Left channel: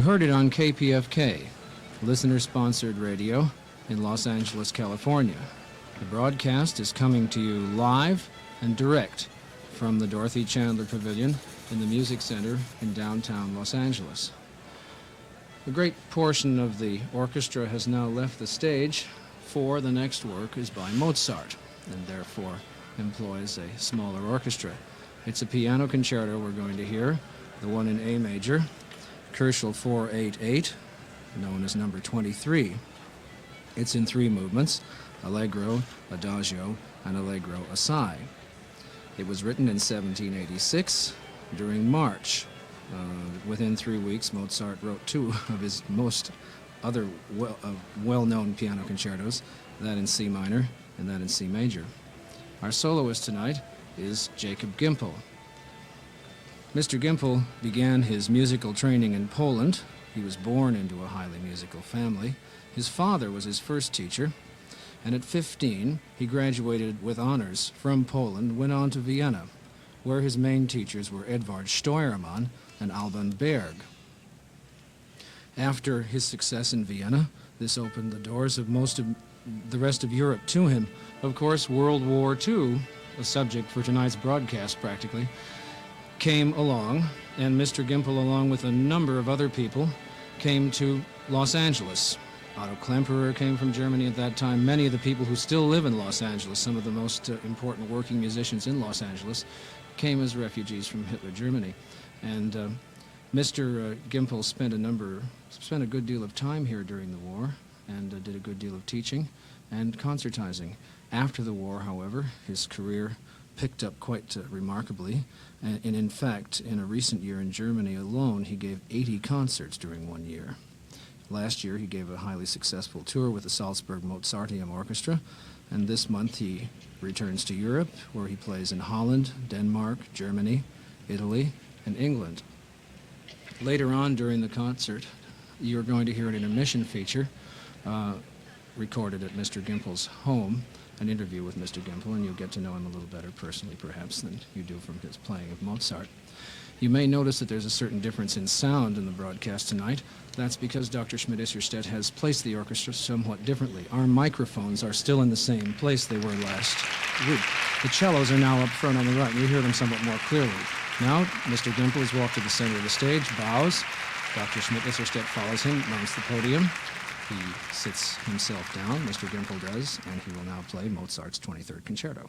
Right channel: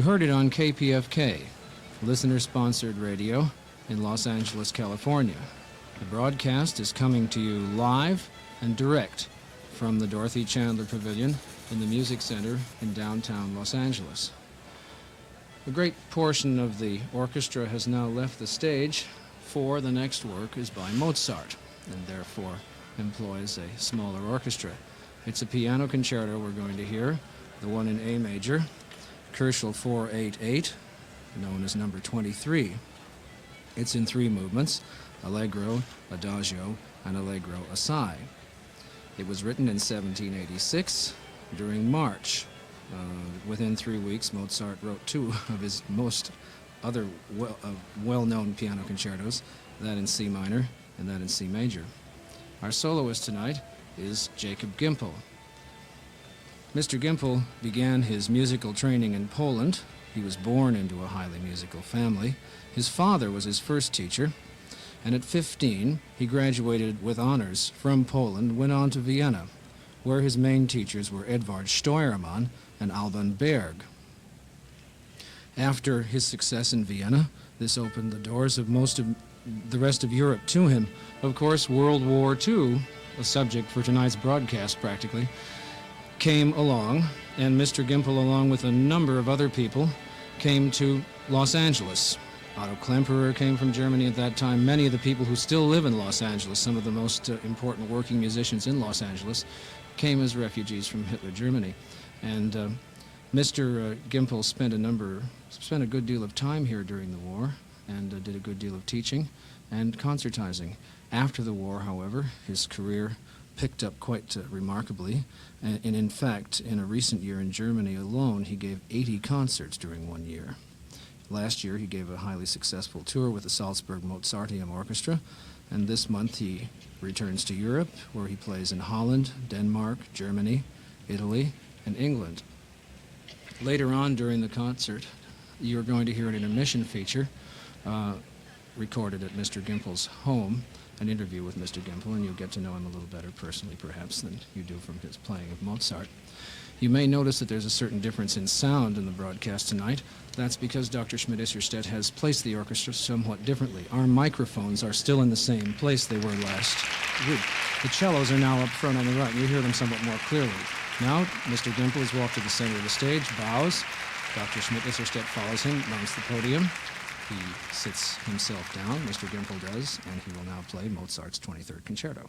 You heard it on KPFK, listener-sponsored radio in Los Angeles, California. The broadcast is coming to you live and direct from the Dorothy Chandler Pavilion in the Music Center in downtown Los Angeles. A great portion of the orchestra has now left the stage, for the next work is by Mozart, and therefore employs a smaller orchestra. It's a piano concerto we're going to hear, the one in A major, Koelschel 488, known as number 23. It's in three movements, Allegro, Adagio, and Allegro Assai. It was written in 1786 during March. Within 3 weeks, Mozart wrote two of his most other well-known piano concertos, that in C minor and that in C major. Our soloist tonight is Jacob Gimpel. Mr. Gimpel began his musical training in Poland. He was born into a highly musical family. His father was his first teacher, and at 15, he graduated with honors from Poland, went on to Vienna, where his main teachers were Edvard Steuermann and Alban Berg. After his success in Vienna, this opened the doors of most of the rest of Europe to him. Of course, World War II, a subject for tonight's broadcast practically, came along, and Mr. Gimpel, along with a number of other people, came to Los Angeles. Otto Klemperer came from Germany at that time. Many of the people who still live in Los Angeles, some of the most important working musicians in Los Angeles, came as refugees from Hitler Germany. And Mr. Gimpel spent a good deal of time here during the war and did a good deal of teaching and concertizing. After the war, however, his career picked up quite remarkably, and in fact, in a recent year in Germany alone, he gave 80 concerts during 1 year. Last year, he gave a highly successful tour with the Salzburg Mozarteum Orchestra, and this month he returns to Europe, where he plays in Holland, Denmark, Germany, Italy, and England. Later on during the concert, you're going to hear an intermission feature recorded at Mr. Gimpel's home, an interview with Mr. Gimpel, and you'll get to know him a little better personally, perhaps, than you do from his playing of Mozart. You may notice that there's a certain difference in sound in the broadcast tonight. That's because Dr. Schmidt-Isserstedt has placed the orchestra somewhat differently. Our microphones are still in the same place they were last week. The cellos are now up front on the right, and you hear them somewhat more clearly. Now, Mr. Gimpel has walked to the center of the stage, bows. Dr. Schmidt-Isserstedt follows him, mounts the podium. He sits himself down, Mr. Gimpel does, and he will now play Mozart's 23rd Concerto.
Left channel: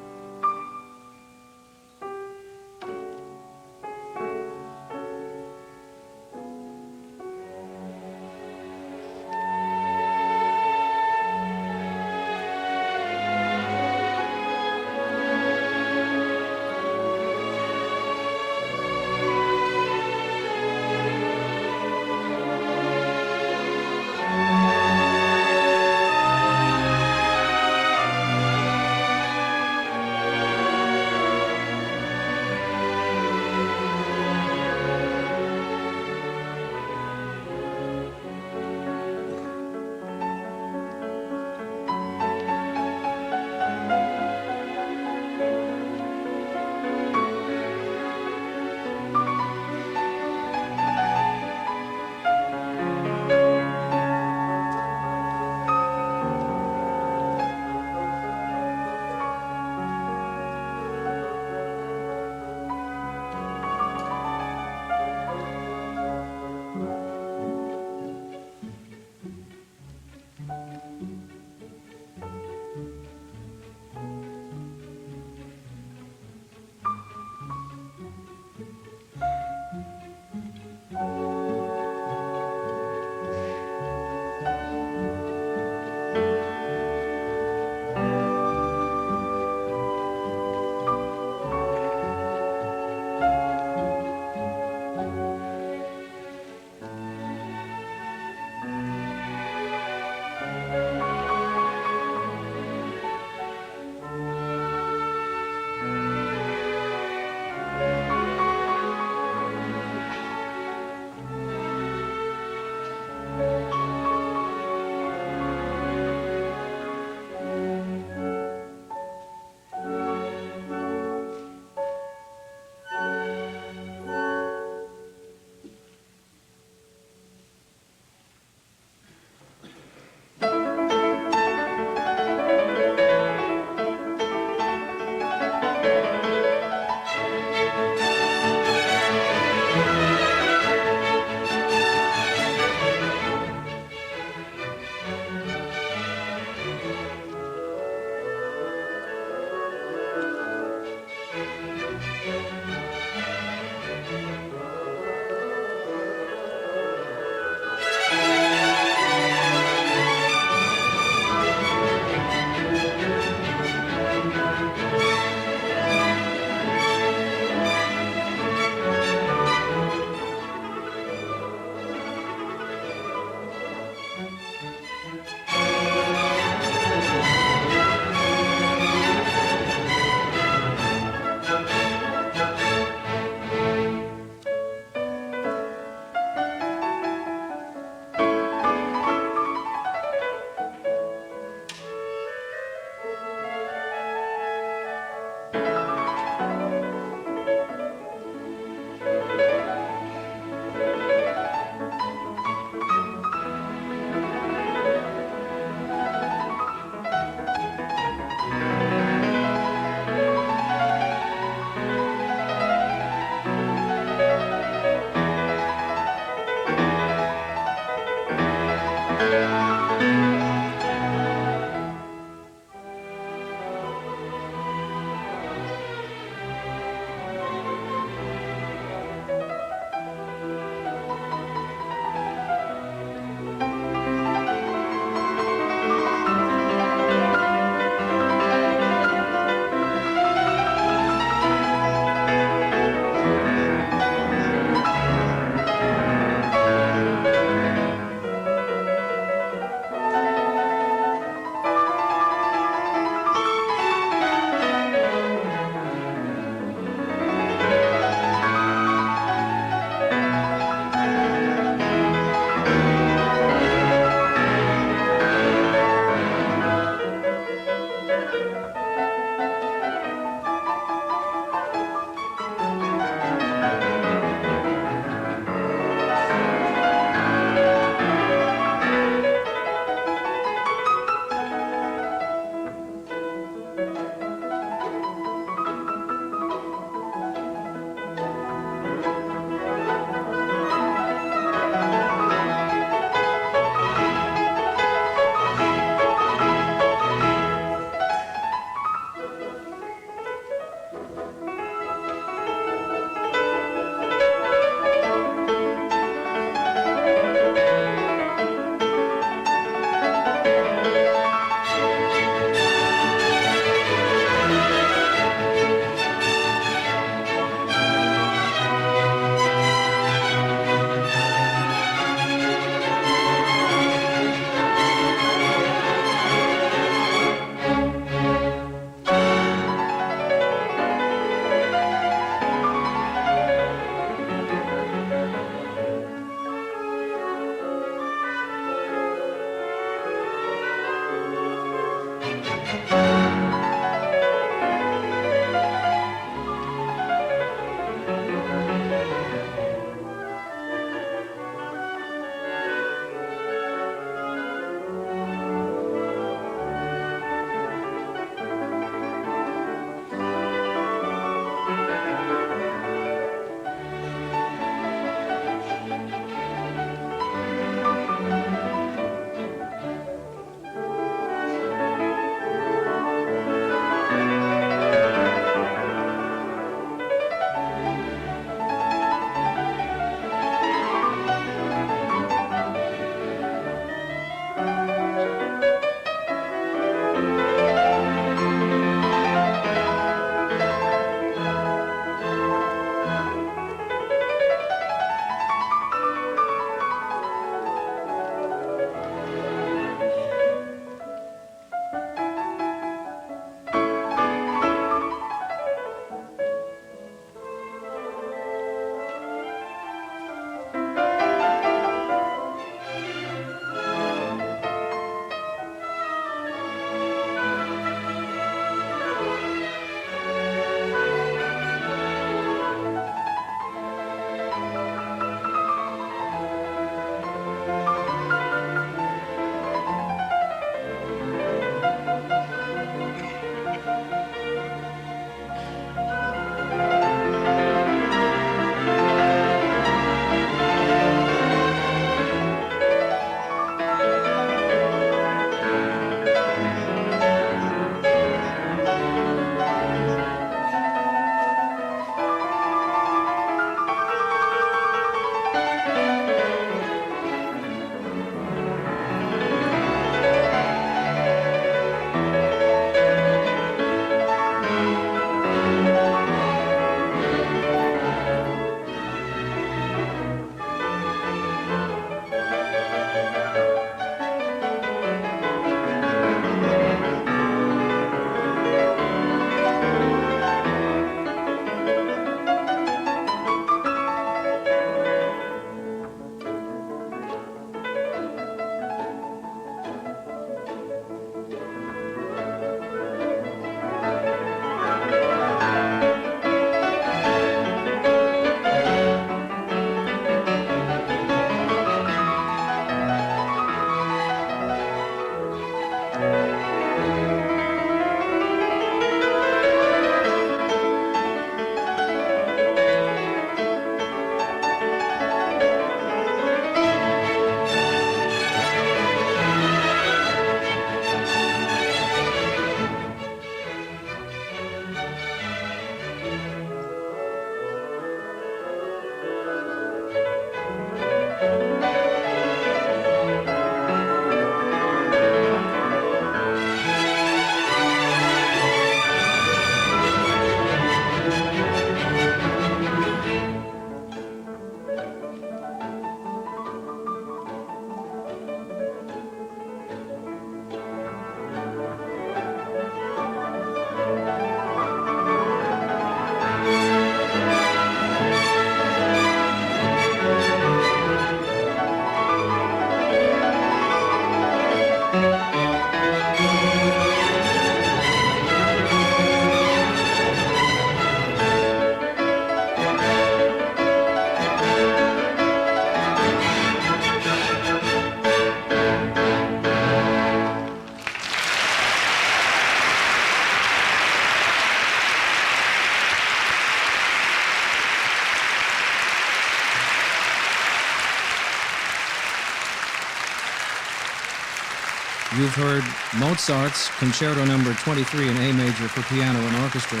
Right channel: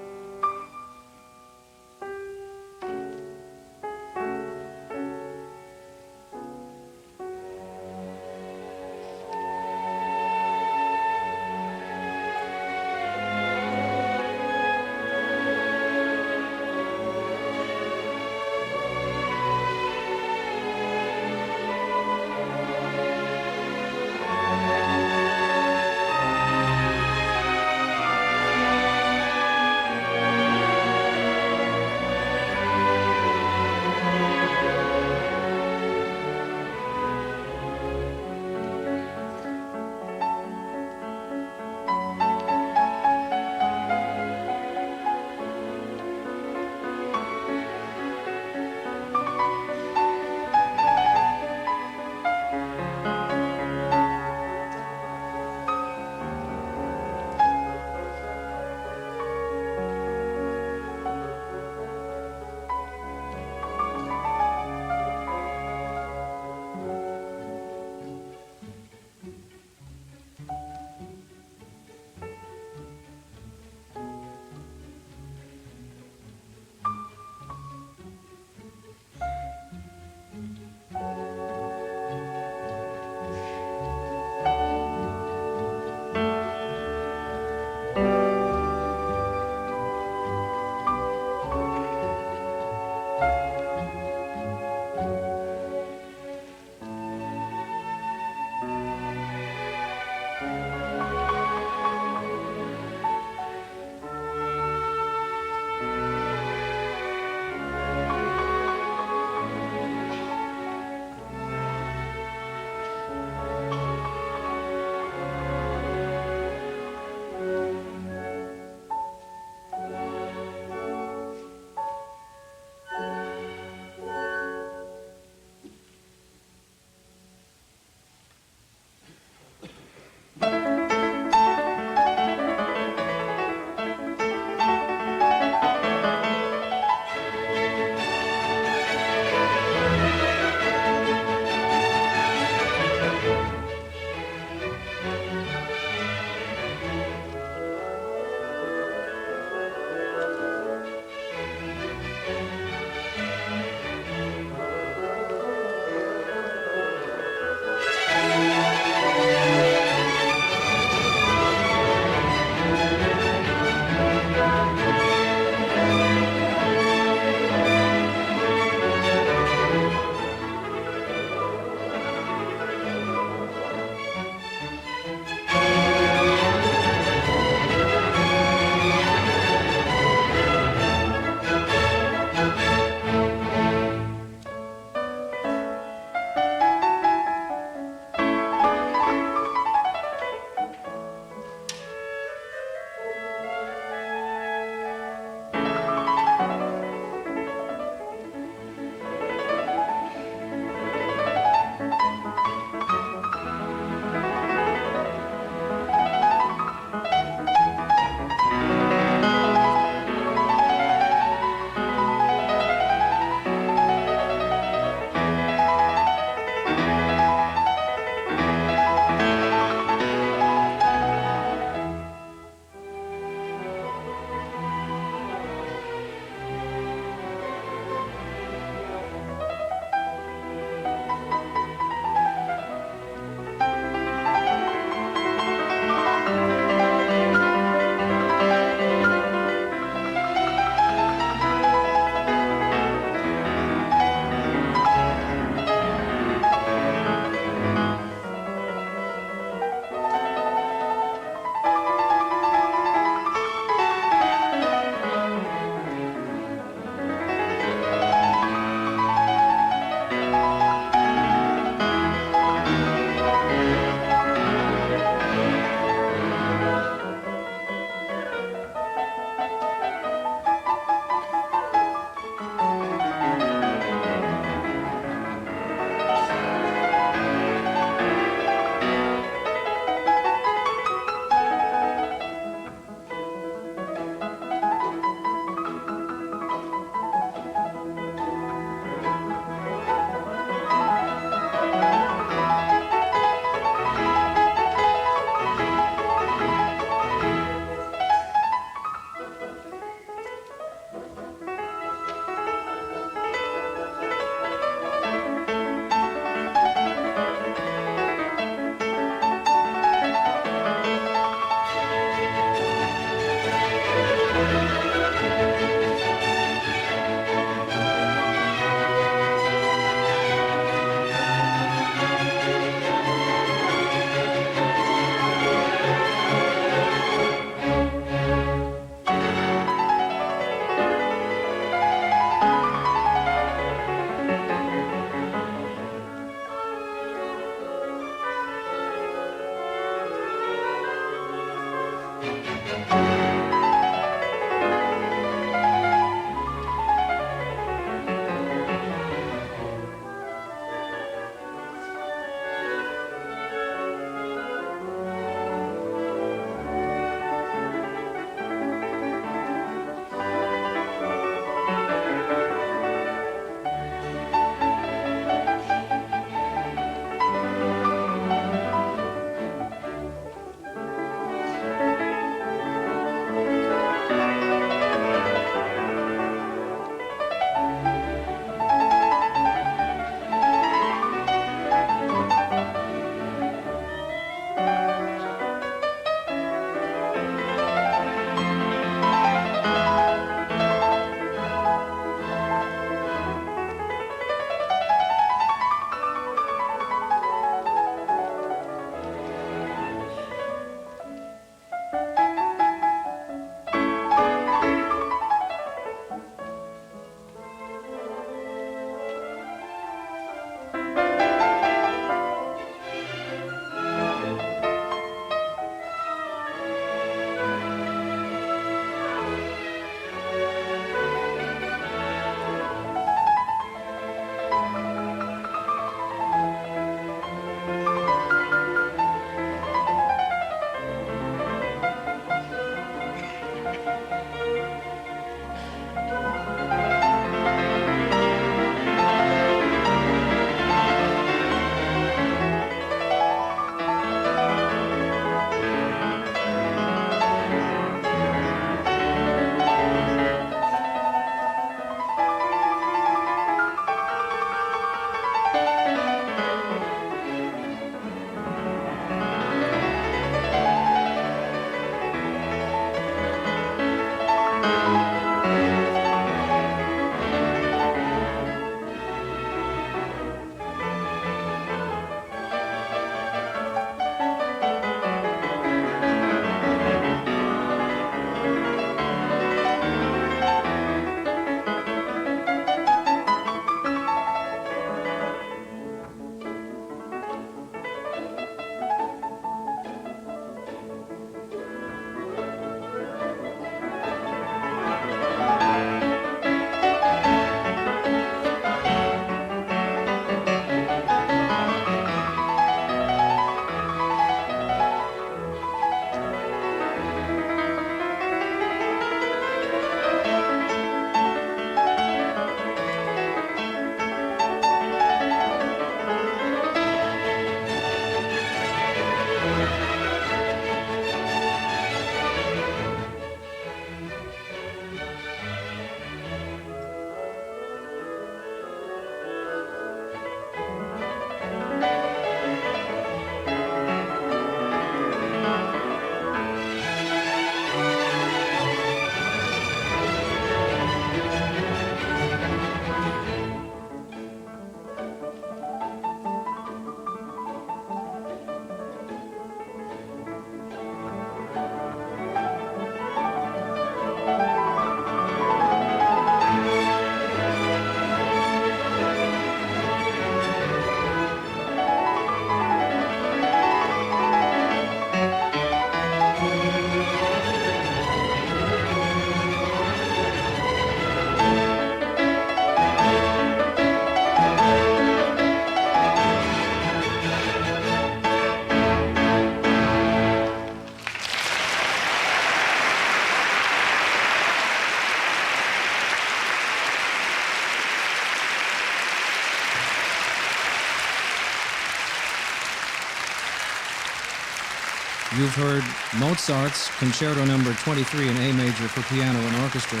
You've heard Mozart's Concerto Number 23 in A major for piano and orchestra,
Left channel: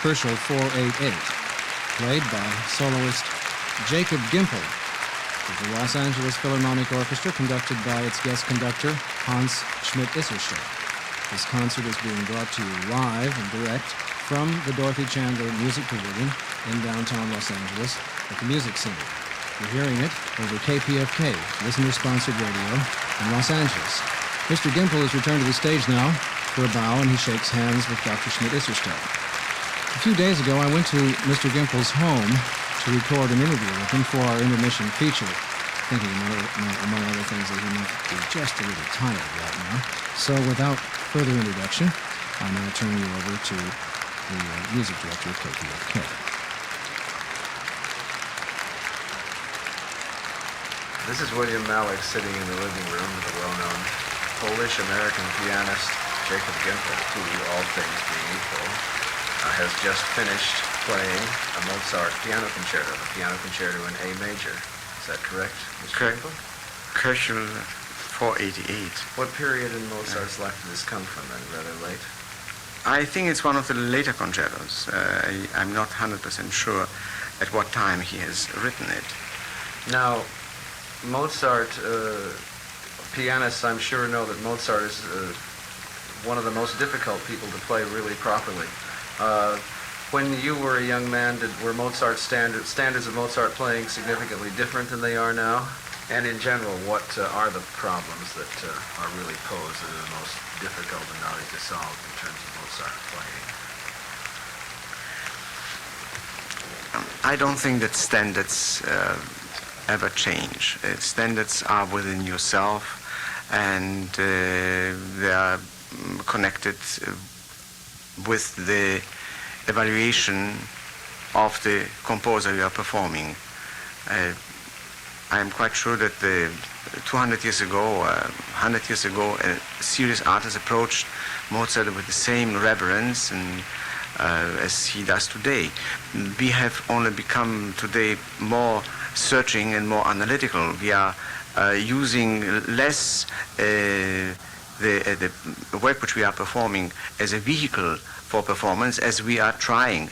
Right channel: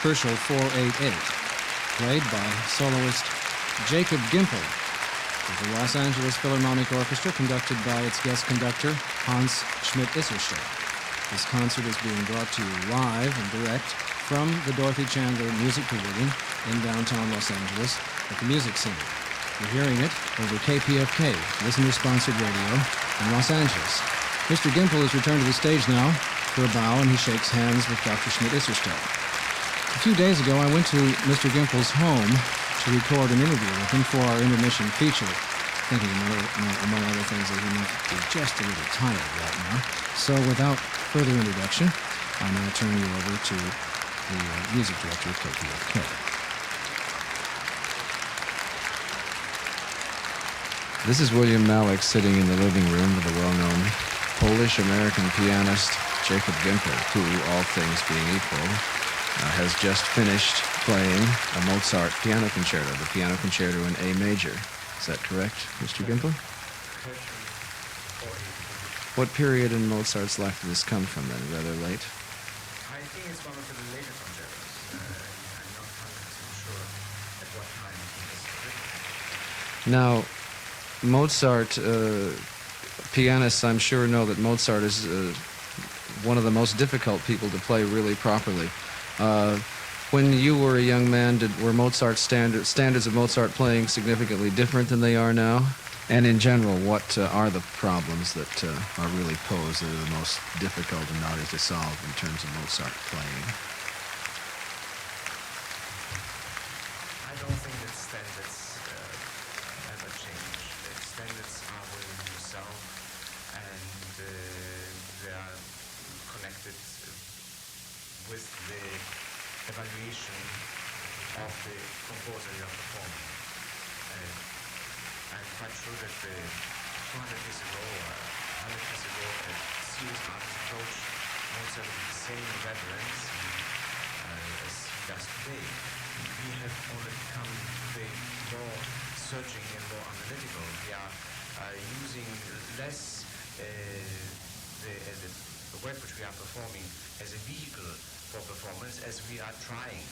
Herschel 488, played by soloist Jacob Gimple with the Los Angeles Philharmonic Orchestra, conducted by its guest conductor, Hans Schmidt-Isselstedt. This concert is being brought to you live and direct from the Dorothy Chandler Music Pavilion in downtown Los Angeles at the Music Center. You're hearing it over KPFK, listener-sponsored radio in Los Angeles. Mr. Gimple has returned to the stage now for a bow, and he shakes hands with Dr. Schmidt-Isselstedt. A few days ago, I went to Mr. Gimple's home to record an interview with him for our intermission feature, thinking, among other things, that he might be just a little tired right now. So without further introduction, I now turn you over to the music director of KPFK. This is William Malik sitting in the living room with the well-known Polish-American pianist Jacob Gimple, who, all things being equal, has just finished playing a Mozart piano concerto, the piano concerto in A major. Is that correct, Mr. Gimple? Herschel 488. What period in Mozart's life did this come from then? Rather late? I think it's one of the later concertos. I'm not 100% sure at what time he has written it. Now, Mozart, pianists I'm sure know that Mozart is one of the most difficult people to play really properly. When you were a young man, were Mozart's standards of Mozart playing significantly different than they are now? And in general, what are the problems that are really posed that are the most difficult and hard to solve in terms of Mozart playing? I don't think that standards ever change. Standards are within yourself, and they are connected with the evaluation of the composer you are performing. I am quite sure that 200 years ago, 100 years ago, a serious artist approached Mozart with the same reverence and, as he does today. We have only become today more searching and more analytical. We are using less the work which we are performing as a vehicle for performance, as we are trying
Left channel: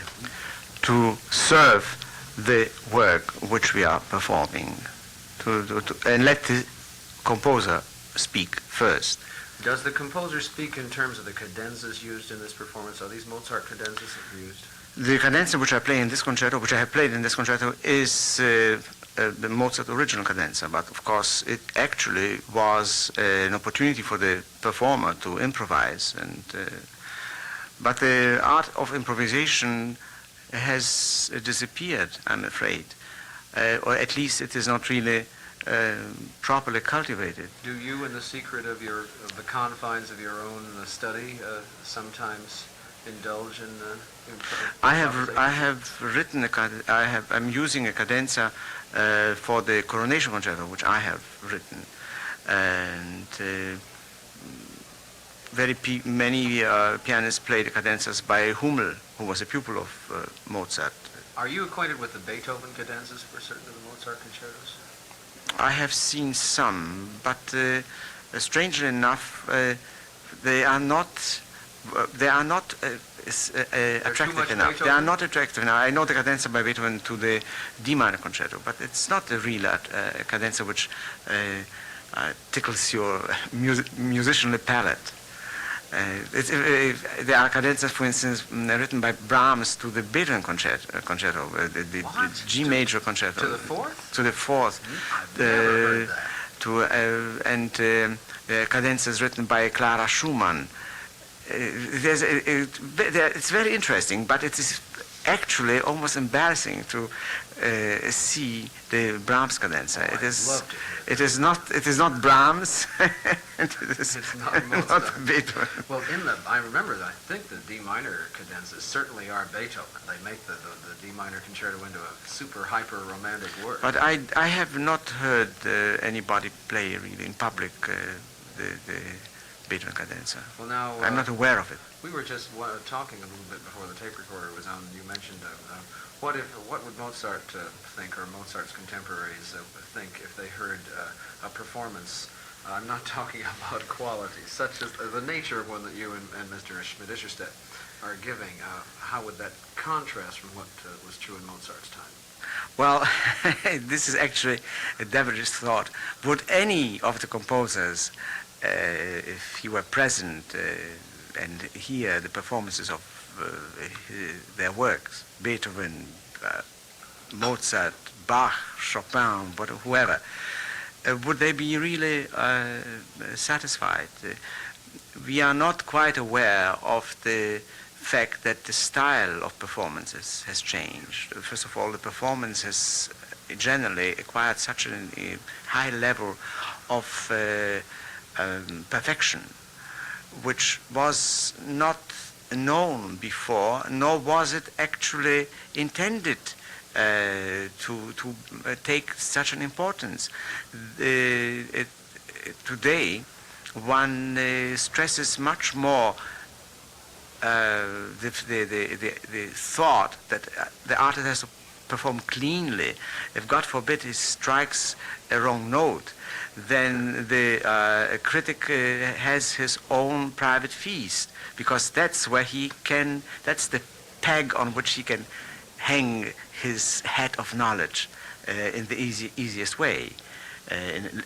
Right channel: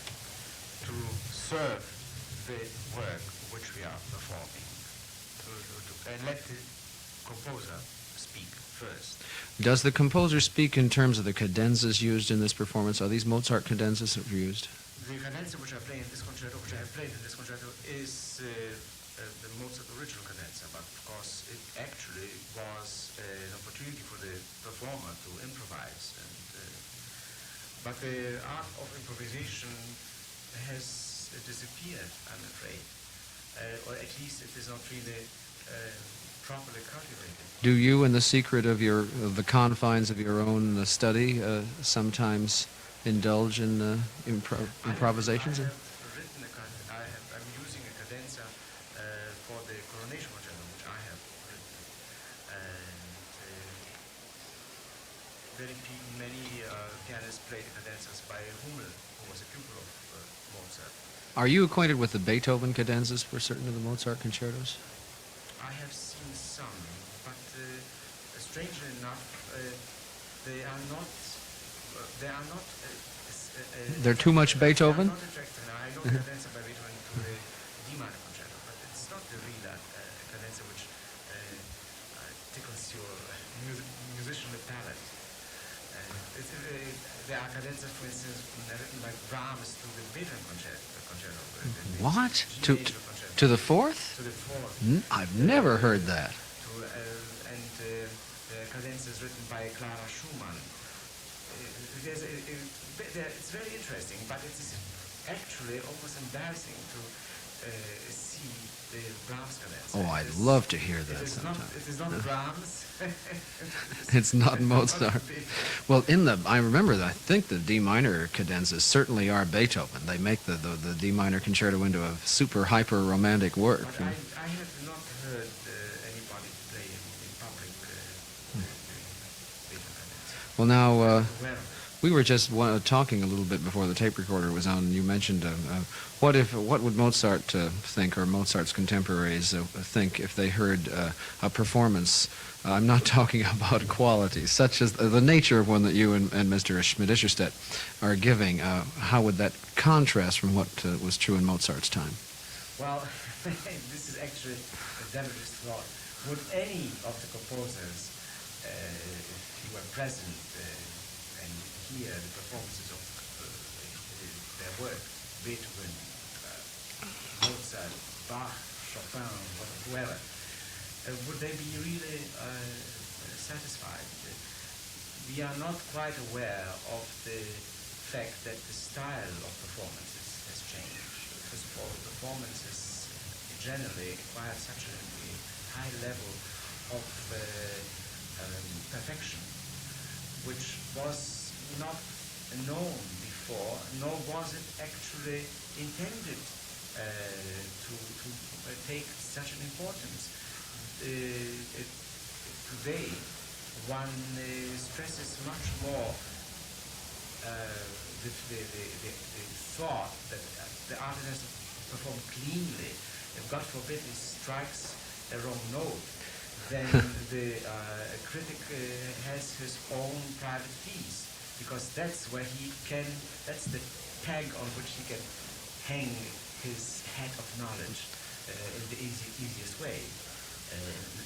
to serve the work which we are performing, and let the composer speak first. Does the composer speak in terms of the cadenzas used in this performance? Are these Mozart cadenzas that were used? The cadenza which I play in this concerto, which I have played in this concerto, is the Mozart original cadenza, but of course it actually was an opportunity for the performer to improvise, and but the art of improvisation has disappeared, I'm afraid, or at least it is not really properly cultivated. Do you, in the secret of the confines of your own study, sometimes indulge in improvisation? I have written I'm using a cadenza for the Coronation Concerto, which I have written, and many pianists played the cadenzas by Hummel, who was a pupil of Mozart. Are you acquainted with the Beethoven cadenzas for certain of the Mozart concertos? I have seen some, but strangely enough, they are not They're too much enough. Beethoven? They are not attractive. Now, I know the cadenza by Beethoven to the D minor concerto, but it's not a real cadenza which tickles your musicianly palate. There are cadenzas, for instance, written by Brahms to the Beethoven concerto, the G major concerto. To the fourth? To the fourth. I've never heard that. And cadenzas written by Clara Schumann. It's very interesting, but it is actually almost embarrassing to see the Brahms cadenza. I'd love to hear that. It is not Brahms. It's not Mozart. Not Beethoven. Well, I remember that I think the D minor cadenzas certainly are Beethoven. They make the D minor concerto into a super hyper romantic work. But I have not heard anybody play really in public the Beethoven cadenza. Well, now I'm not aware of it. We were just talking a little bit before the tape recorder was on, and you mentioned what would Mozart think, or Mozart's contemporaries think, if they heard a performance I'm not talking about quality, such as the nature of one that you and Mr. Schmidt-Ischerstedt are giving. How would that contrast from what was true in Mozart's time? Well, this is actually a devilish thought. Would any of the composers, if he were present and hear the performances of their works, Beethoven, Mozart, Bach, Chopin, whoever, would they be really satisfied? We are not quite aware of the fact that the style of performances has changed. First of all, the performance has generally acquired such a high level of perfection, which was not known before, nor was it actually intended to take such an importance. Today, one stresses much more the thought that the artist has to perform cleanly. If God forbid he strikes a wrong note, then the critic has his own private feast, because that's where he can, that's the peg on which he can hang his hat of knowledge in the easiest way.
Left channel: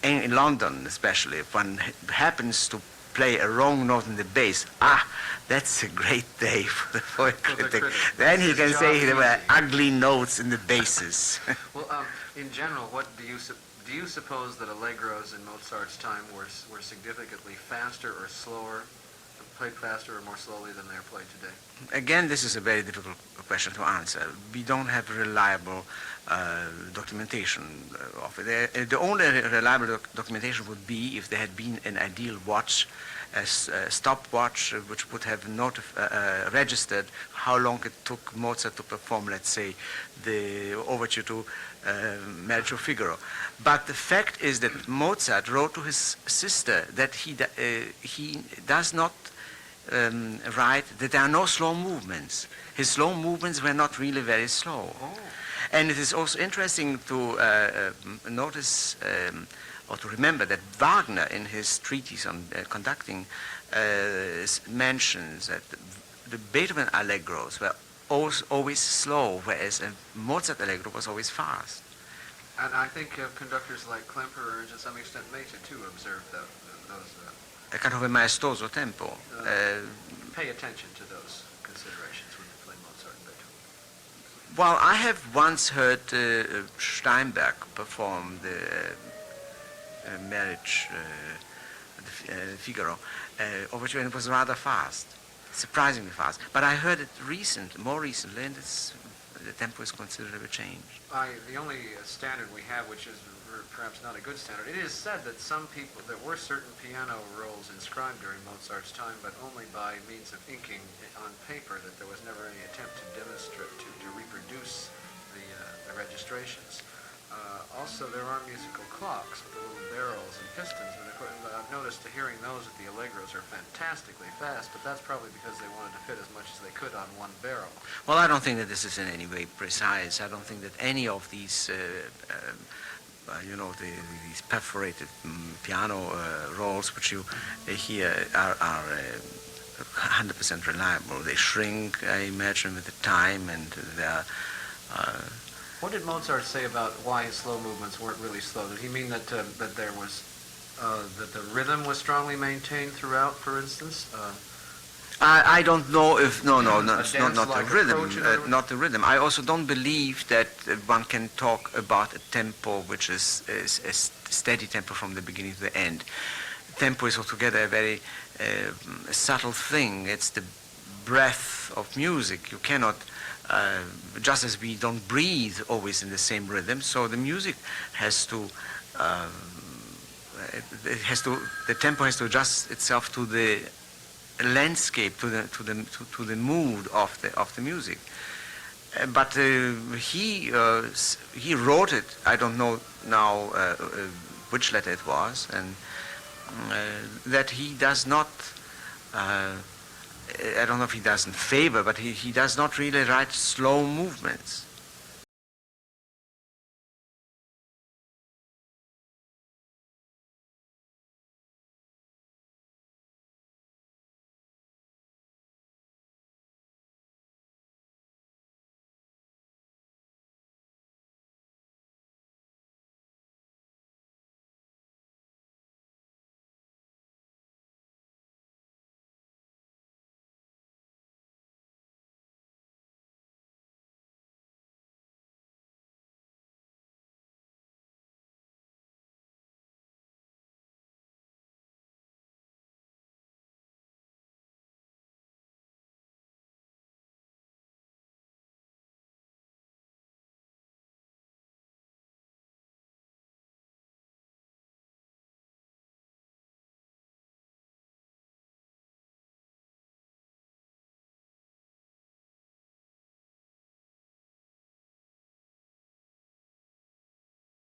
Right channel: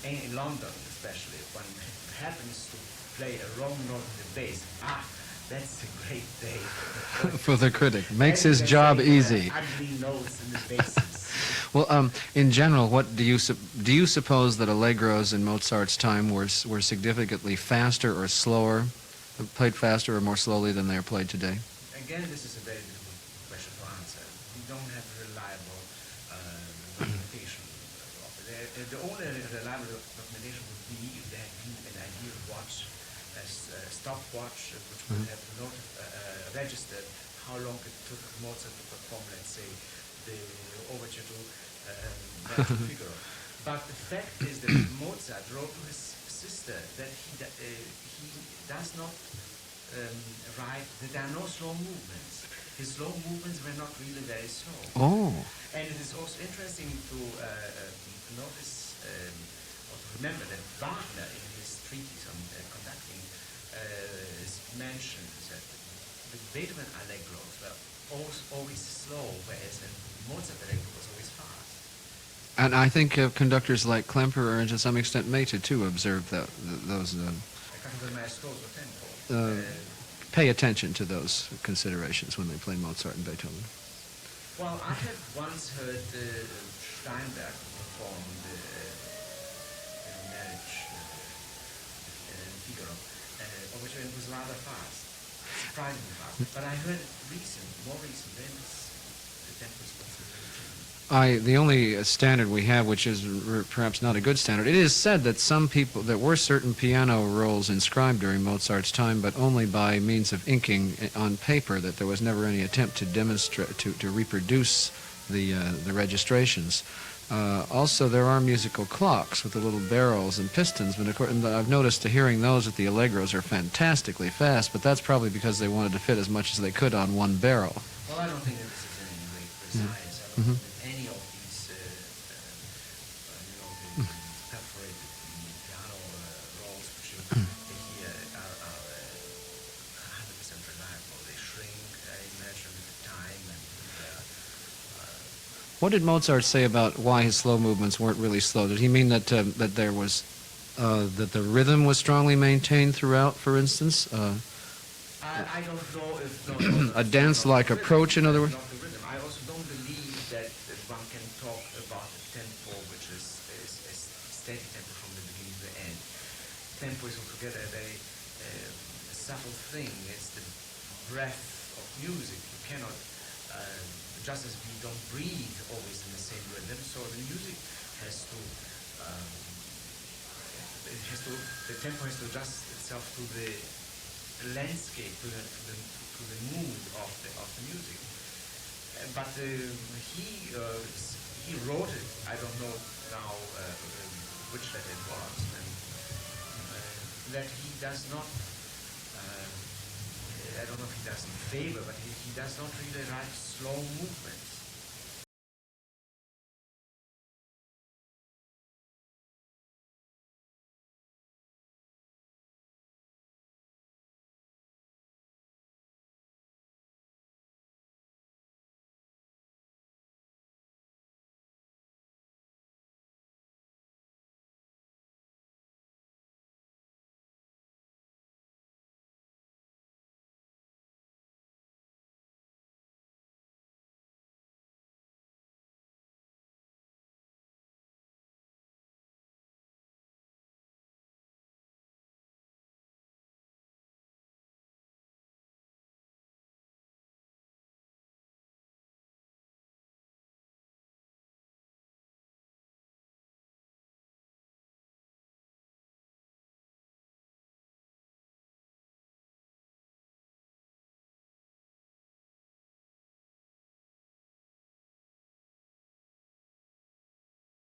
In London especially, if one happens to play a wrong note in the bass, that's a great day for the critic. Then Makes he his can job say there were easy. ugly notes in the basses. Well, in general, what do you suppose that allegros in Mozart's time were significantly faster or slower, played faster or more slowly than they are played today? Again, this is a very difficult question to answer. We don't have reliable documentation of it. The only reliable documentation would be if there had been an ideal watch, a stopwatch, which would have registered how long it took Mozart to perform, let's say, the overture to Marriage of Figaro. But the fact is that Mozart wrote to his sister that he does not write that there are no slow movements. His slow movements were not really very slow. Oh. And it is also interesting to notice or to remember that Wagner, in his treatise on conducting, mentions that the Beethoven allegros were always slow, whereas a Mozart allegro was always fast. And I think conductors like Klemperer and to some extent Mehta too observed those. A kind of a maestoso tempo. Pay attention to those considerations when they play Mozart and Beethoven. Well, I have once heard Steinberg perform the Marriage Figaro, which was rather fast, surprisingly fast. But I heard it more recently, and the tempo is considerably changed. The only standard we have, which is perhaps not a good standard, it is said that there were certain piano rolls inscribed during Mozart's time, but only by means of inking on paper, that there was never any attempt to demonstrate, to reproduce the registrations. Also, there are musical clocks with the little barrels and pistons, and I've noticed hearing those at the allegros are fantastically fast, but that's probably because they wanted to fit as much as they could on one barrel. Well, I don't think that this is in any way precise. I don't think that any of these, these perforated piano rolls which you hear are 100% reliable. They shrink, I imagine, with the time, and they're... What did Mozart say about why his slow movements weren't really slow? Did he mean that that the rhythm was strongly maintained throughout, for instance? I don't know if a dance-like approach, in other words? Not the rhythm. I also don't believe that one can talk about a tempo which is a steady tempo from the beginning to the end. Tempo is altogether a very subtle thing. It's the breath of music. You cannot. Just as we don't breathe always in the same rhythm, so the music has to, the tempo has to adjust itself to the landscape, to the mood of the music. But he wrote it. I don't know now which letter it was, and that he does not. I don't know if he doesn't favor, but he does not really write slow movements.